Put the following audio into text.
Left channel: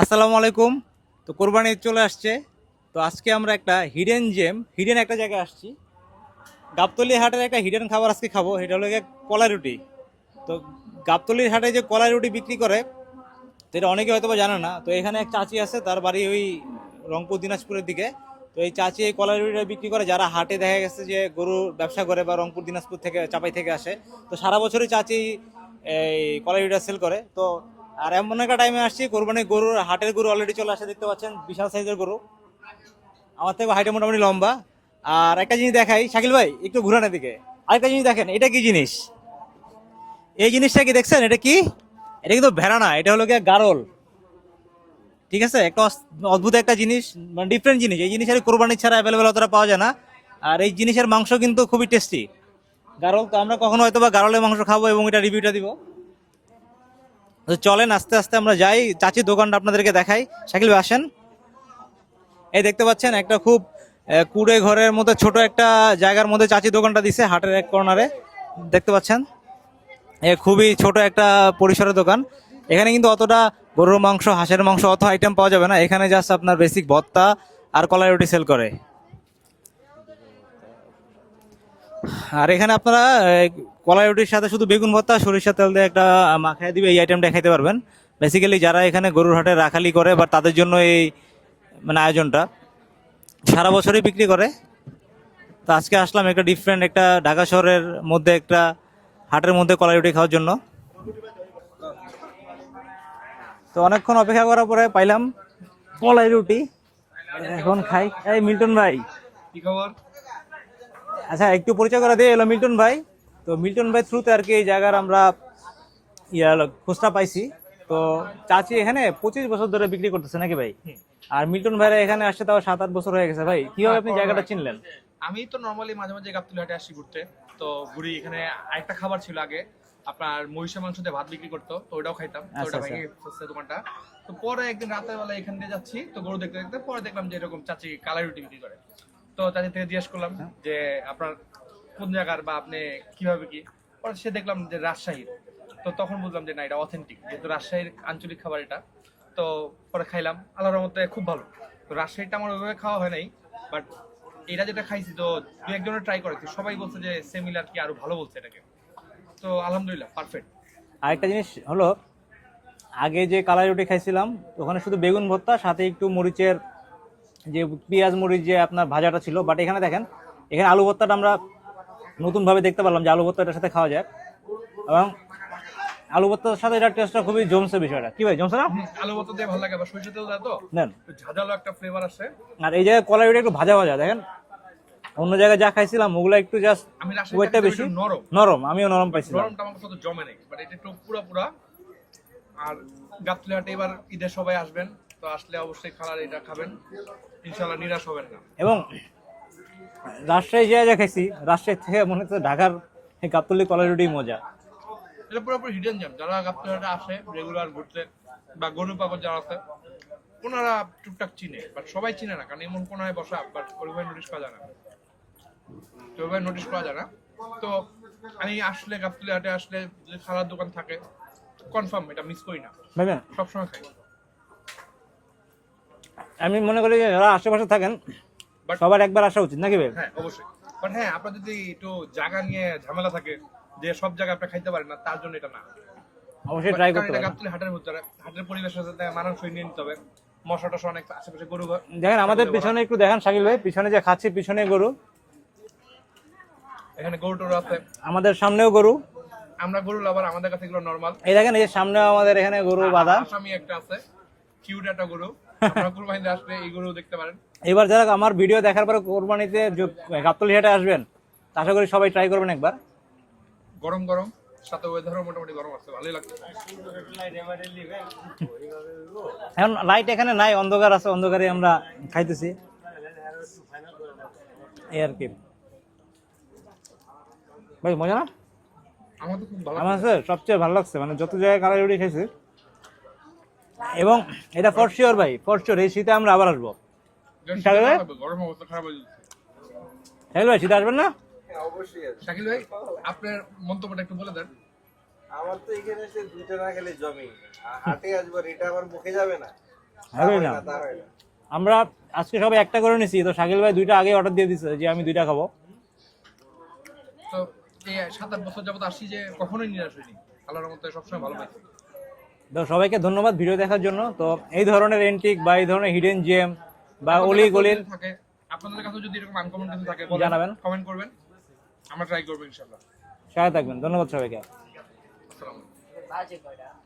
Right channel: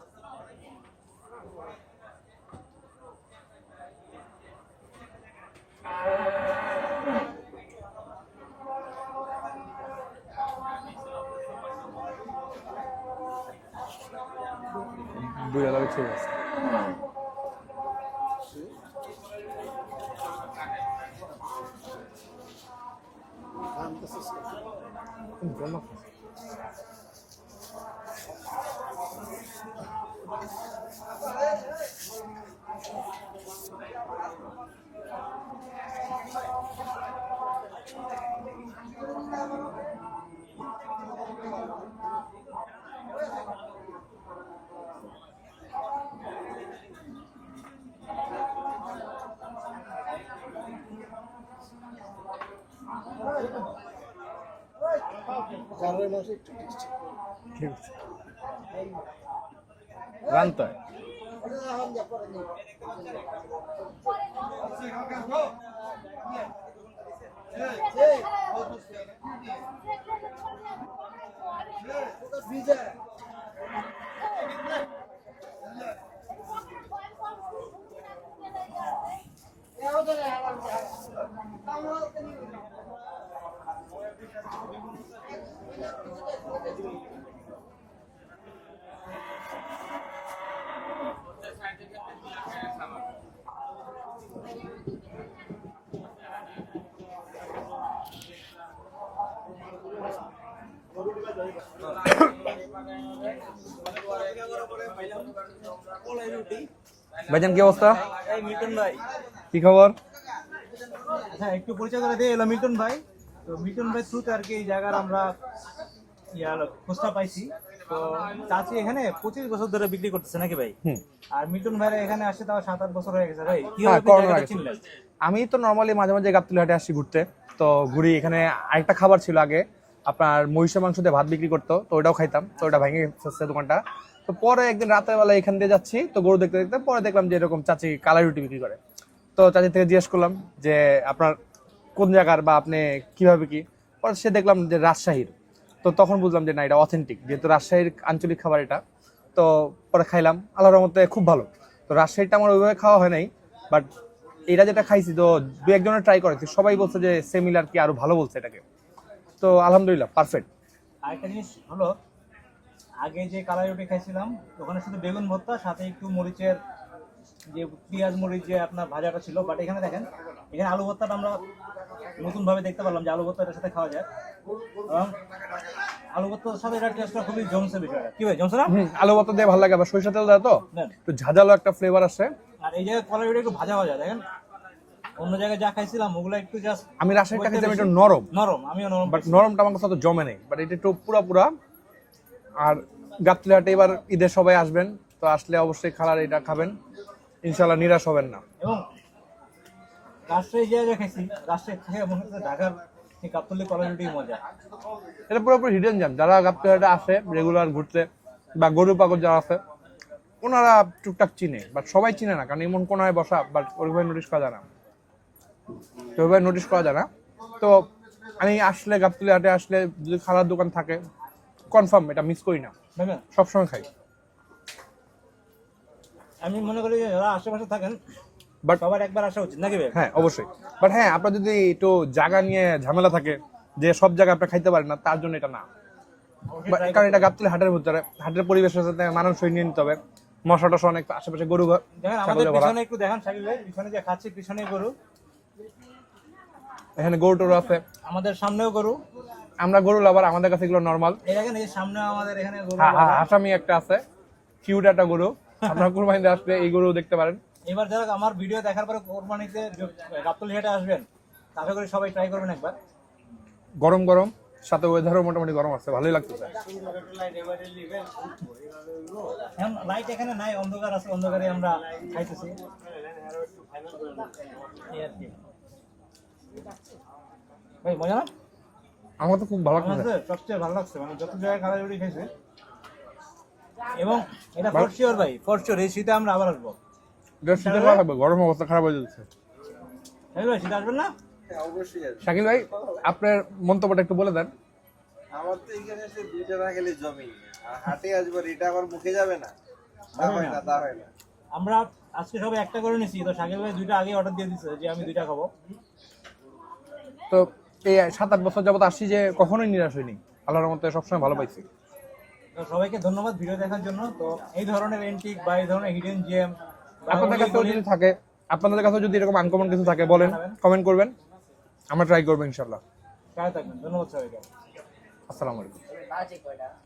আসসালামু আলাইকুম। তো কোরবানি ঈদ চলে আসছে। তো আজকে আমরা একটা হিডেন একটা জায়গায় আসছি। গাবতলী হাটের একটা হিডেন খাবার আজকে খাবো, এটা হলো গিয়ে কলাই রুটি। তো গাবতলীর হাটে যে কলাই রুটি বিক্রি করে সেটা অনেকে হয়তো বা জানে না। তো এখানে এক চাচি আছে, তার বাড়ি ওই রংপুর দিনাজপুরের দিকে। তো এই চাচি এই কলাই রুটিটা বিক্রি করে, যারা হাটে দেখা গেছে যে গরু ব্যবসা করে বা রংপুর দিনাজপুর থেকে চাপাই থেকে আসে। তো সারা বছরই চাচি এই কলাই রুটিটা সেল করে। তো আর এমন একটা টাইমে আসছি, কোরবানির গরুর হাটের গরু অলরেডি চলে আসে, দেখতে পাচ্ছেন বিশাল সাইজের গরু, আমার থেকে হাইটে মোটামুটি লম্বা। আর একটা জিনিস দেখাই, শাকিল ভাই একটু ঘুরানোর দিকে। আরেকটা জিনিস দেখেন, এটা কি জিনিস? এই জিনিসটা কি দেখছেন? এটা কি? এটা কিন্তু ভেড়া না, এটা হলো গিয়ে গারল। ঠিক আছে, একটা অদ্ভুত একটা জিনিস, মানে ডিফারেন্ট জিনিস। এই জিনিসের কোরবানি ছাড়া অ্যাভেলেবেল অতটা পাওয়া যায় না। আর এই জিনিসের মাংস কিন্তু খুবই টেস্টি। গারল তো আমরা কখনো হয়তো বা গারলের মাংস খাবো এবং এটা রিভিউটা দিব। তো চলেন আস্তে আস্তে আমরা যাই, চাচির দোকানটা আপনাদেরকে দেখাই। শাকিল ভাই আসেন। এই দেখতে পাচ্ছেন একটা খুব কুড়ে ঘরের মধ্যে ছোট একটা জায়গার মধ্যে চাচির দোকানটা দিছে হাটের এক কর্নারে, দেখতে পাচ্ছেন। এ খুবই ছোট একটা পরিসরের দোকান। এখানে কিন্তু অতটা গরুর মাংস, হাঁসের মাংস অত আইটেম পাওয়া যাবে না। এখানে জাস্ট আপনার বেসিক ভর্তা আর কলাই রুটি সেল করে। আর এখানে আপনারা কলাই রুটির সাথে শুধু বেগুন ভর্তা সরিষার তেল দিয়ে একটা মাখায় দিবে, এই আইটেমটা খাইতে পারবেন। বেসিক্যালি যারা এখানে গরুর হাটে রাখালি করে বা তাদের জন্য এই মানে আয়োজনটা সারা বছরই বিক্রি করে। তো আজকে আসলাম একটা ডিফারেন্ট একটা ঢাকা শহরের মধ্যে একটা হাটের মধ্যে কলাই রুটি খাওয়ার জন্য। তো অনেকক্ষণ অপেক্ষা করার পরে পাইলাম কলাই রুটি। ভাইজান কি এখন অবস্থা? খাই। এই মিল্টন ভাই, কি খবর? আচ্ছা একটু পরিচয় করা দিয়ে এলো মিল্টন ভাই। তো মিল্টন ভাই থ্রুতে আর কি এই জায়গার আমরা খোঁজটা পাইছি। তো চাচি এখানে 25 বছর ধরে বিক্রি করতেছে নাকি ভাই? আর মিল্টন ভাইরা এখানে আসছে তাও 7-8 বছর হয়ে গেছে। ভাই কিভাবে আপনি করোনা জায়গাটা হয়েছে। চিনলেন? আমি তো নর্মালি মাঝে মাঝে গাবতলী হাটে আসি ঘুরতে। তো ঘুরি, এখানে আরেকটা খাবার ছিল আগে, আপনার মহিষের মাংস দিয়ে ভাত বিক্রি করতো, তো ওটাও খাইতাম। তো ওটা ভেঙে ফেলছে দোকানটা। তো পরে একদিন রাতের বেলা এখান দিয়ে যাচ্ছি, তো গরু দেখতে দেখতে পরে দেখলাম যে এরকম চাচি কালাই রুটি বিক্রি করে। তো চাচি থেকে জিজ্ঞেস করলাম যে আপনার কোন জায়গার বা আপনি কিভাবে কি, পরে সে দেখলাম যে রাজশাহীর। তো তখন বুঝলাম যে না, এটা অথেন্টিক, যেহেতু রাজশাহীর আঞ্চলিক খাবার এটা। তো পরে খাইলাম, আল্লাহর রহমতে খুব ভালো। তো রাজশাহীটা আমার ওইভাবে খাওয়া হয় নাই, বাট এটা যেটা খাইছি, তো দু একজনের ট্রাই করেছি, সবাই বলছে যে সিমিলার কি আরো ভালো বলছে এটাকে। তো আলহামদুলিল্লাহ পারফেক্ট। আরেকটা জিনিস হলো, আগে যে কালাই রুটি খাইছিলাম ওখানে শুধু বেগুন ভর্তা সাথে একটু মরিচের যে পেঁয়াজ মরিচ যে আপনার ভাজাটা ছিল। বাট এখানে দেখেন, এখানে আলু ভর্তাটা আমরা নতুনভাবে দেখতে পারলাম যে আলু ভর্তা এটার সাথে খাওয়া যায়। এবং আলু ভর্তার সাথে এটার টেস্টটা খুবই জমছে, বিষয়টা কি ভাই জমছে না? আলু ভর্তা দিয়ে ভালো লাগে, আবার সরিষা তেল দেয় তো নেন। একটু ঝাঁঝালো একটা ফ্লেভার আসে। আর এই জায়গায় কলাই রুটি একটু ভাজা ভাজা দেখেন, অন্য জায়গায় যা খাইছিলাম ওগুলো একটু জাস্ট আমি রাজশাহী ওয়েটটা বেশি একটু নরম নরম, আমিও নরম পাইছি। নরমটা আমার কাছে অত জমে নেই, বাট এটা একটু পুরা পুরা। আর গাবতলী হাটে এবার ঈদের সবাই আসবেন, তো আসলে অবশ্যই খালার এটা খাবেন, ইনশাল্লাহ নিরাশ হবেন না। এবং রাজশাহী যা যা খাইছি, রাজশাহী থেকে মনে হচ্ছে ঢাকার এই গাবতলী কলাই রুটি মজা। এটা পুরোপুরি হিডেন জ্যাম। যারা গাবতলী হাটে আসে রেগুলার ঘুরতে বা গরু পাগল যারা আছে, ওনারা টুকটাক চিনে, বাট সবাই চিনে না, কারণ এমন কোনায় বসা বাট ওইভাবে নোটিস করা যায় না, তো ওইভাবে নোটিস করা যায় না। তো আমি আসলে গাবতলী হাটে আসলে যদি খালার দোকান থাকে, কনফার্ম এটা মিস করি না, ভাইবেন, সবসময় খাই। আমি মনে করি যে যারা আশেপাশে থাকেন বাট সবার একবার আসা উচিত নাকি ভাই? হ্যাঁ অবশ্যই, বাট হ্যাঁ আপনার যদি একটু জায়গা নিয়ে ঝামেলা থাকে, যে সব জায়গায় আপনি খাইতে পারেন না, তার জন্য এটা না। অবশ্যই ট্রাই কারণ করতে এটা হবে। গাবতলী হাটের ভিতরে, হাটের পরিবেশের সাথে মানানসই নিয়ে নিতে হবে। মশা টশা অনেক, আশেপাশে গরু দেখেন আমাদের ছাগলে ভরা। পিছনে একটু দেখেন শাকিল ভাই, পিছনে যে খাচ্ছি পিছনে গরু, এখানে গরু টরু আছে, আমাদের সামনেও গরু। আমরা গরু লাভার, আমাদের কাছে এগুলো নর্মাল। এই দেখেন এই যে সামনে আমাদের এখানে গরু বাঁধা। আসামি একটা আছে, কিউট একটা গরু, আপনার কুরবানিতে আসলে এই গরু দেখতে পারেন। এবার যারা আমার ভিডিও দেখার পরে কোরবানিতে গাবতলী হাটে আসবেন, তা আশা করি সবাই ট্রাই করবেন একবার। গরম গরম, সাথে ওয়েদারও মোটামুটি গরম আছে, ভালোই লাগছে। এখন লাইট এখানে নাই, অন্ধকার আছে, অন্ধকারে আমরা খাইতেছি এই আর কি। ভাই মজা না? আমার তো খুব ভালো আমার লাগছে। কাছে সবচেয়ে ভালো লাগছে, মানে যত জায়গায় কালাই রুটি খাইছি। এবং এটা ফর শিওর ভাই, ফর শিওর এই শীতে আমরা আবার আসবো। বেশ শীতে ভালো লাগবে, গরম অবস্থা খারাপ হয়ে যাচ্ছে। হ্যাঁ ভাই, শীতে আসবেন না? অবশ্যই আছে। শাকিল ভাই, আপনার মন্তব্যটা একটু বলে দেন। আমার তো এখানে এসে 2 টাকা খেলে জমি, আর হাটে আসবার এটা আমার মুখে যাবে না। হবে না। আমরা আজকে সবাই একটা করে নিছি, তো শাকিল ভাই 2টা আগে অর্ডার দিয়ে দিছে যে আমি 2টা খাবো। তো এই 7-8 বছর যাবত আসছি যে কখনোই নিরাশ হইনি, আল্লাহর মধ্যে সবসময় ভালো পাইছি। তো সবাইকে ধন্যবাদ ভিডিও দেখার জন্য। তো এই ধরনের এন্টিক বা এই ধরনের হিডেন জেম বা অলি গলির থাকে, আপনাদের কাছে যদি এরকম আনকমন কিছু থাকে বলেন, জানাবেন। কমেন্ট করবেন, আমরা ট্রাই করবো ইনশাল্লাহ। সাথে থাকবেন। ধন্যবাদ সবাইকে। আসসালামু আলাইকুম।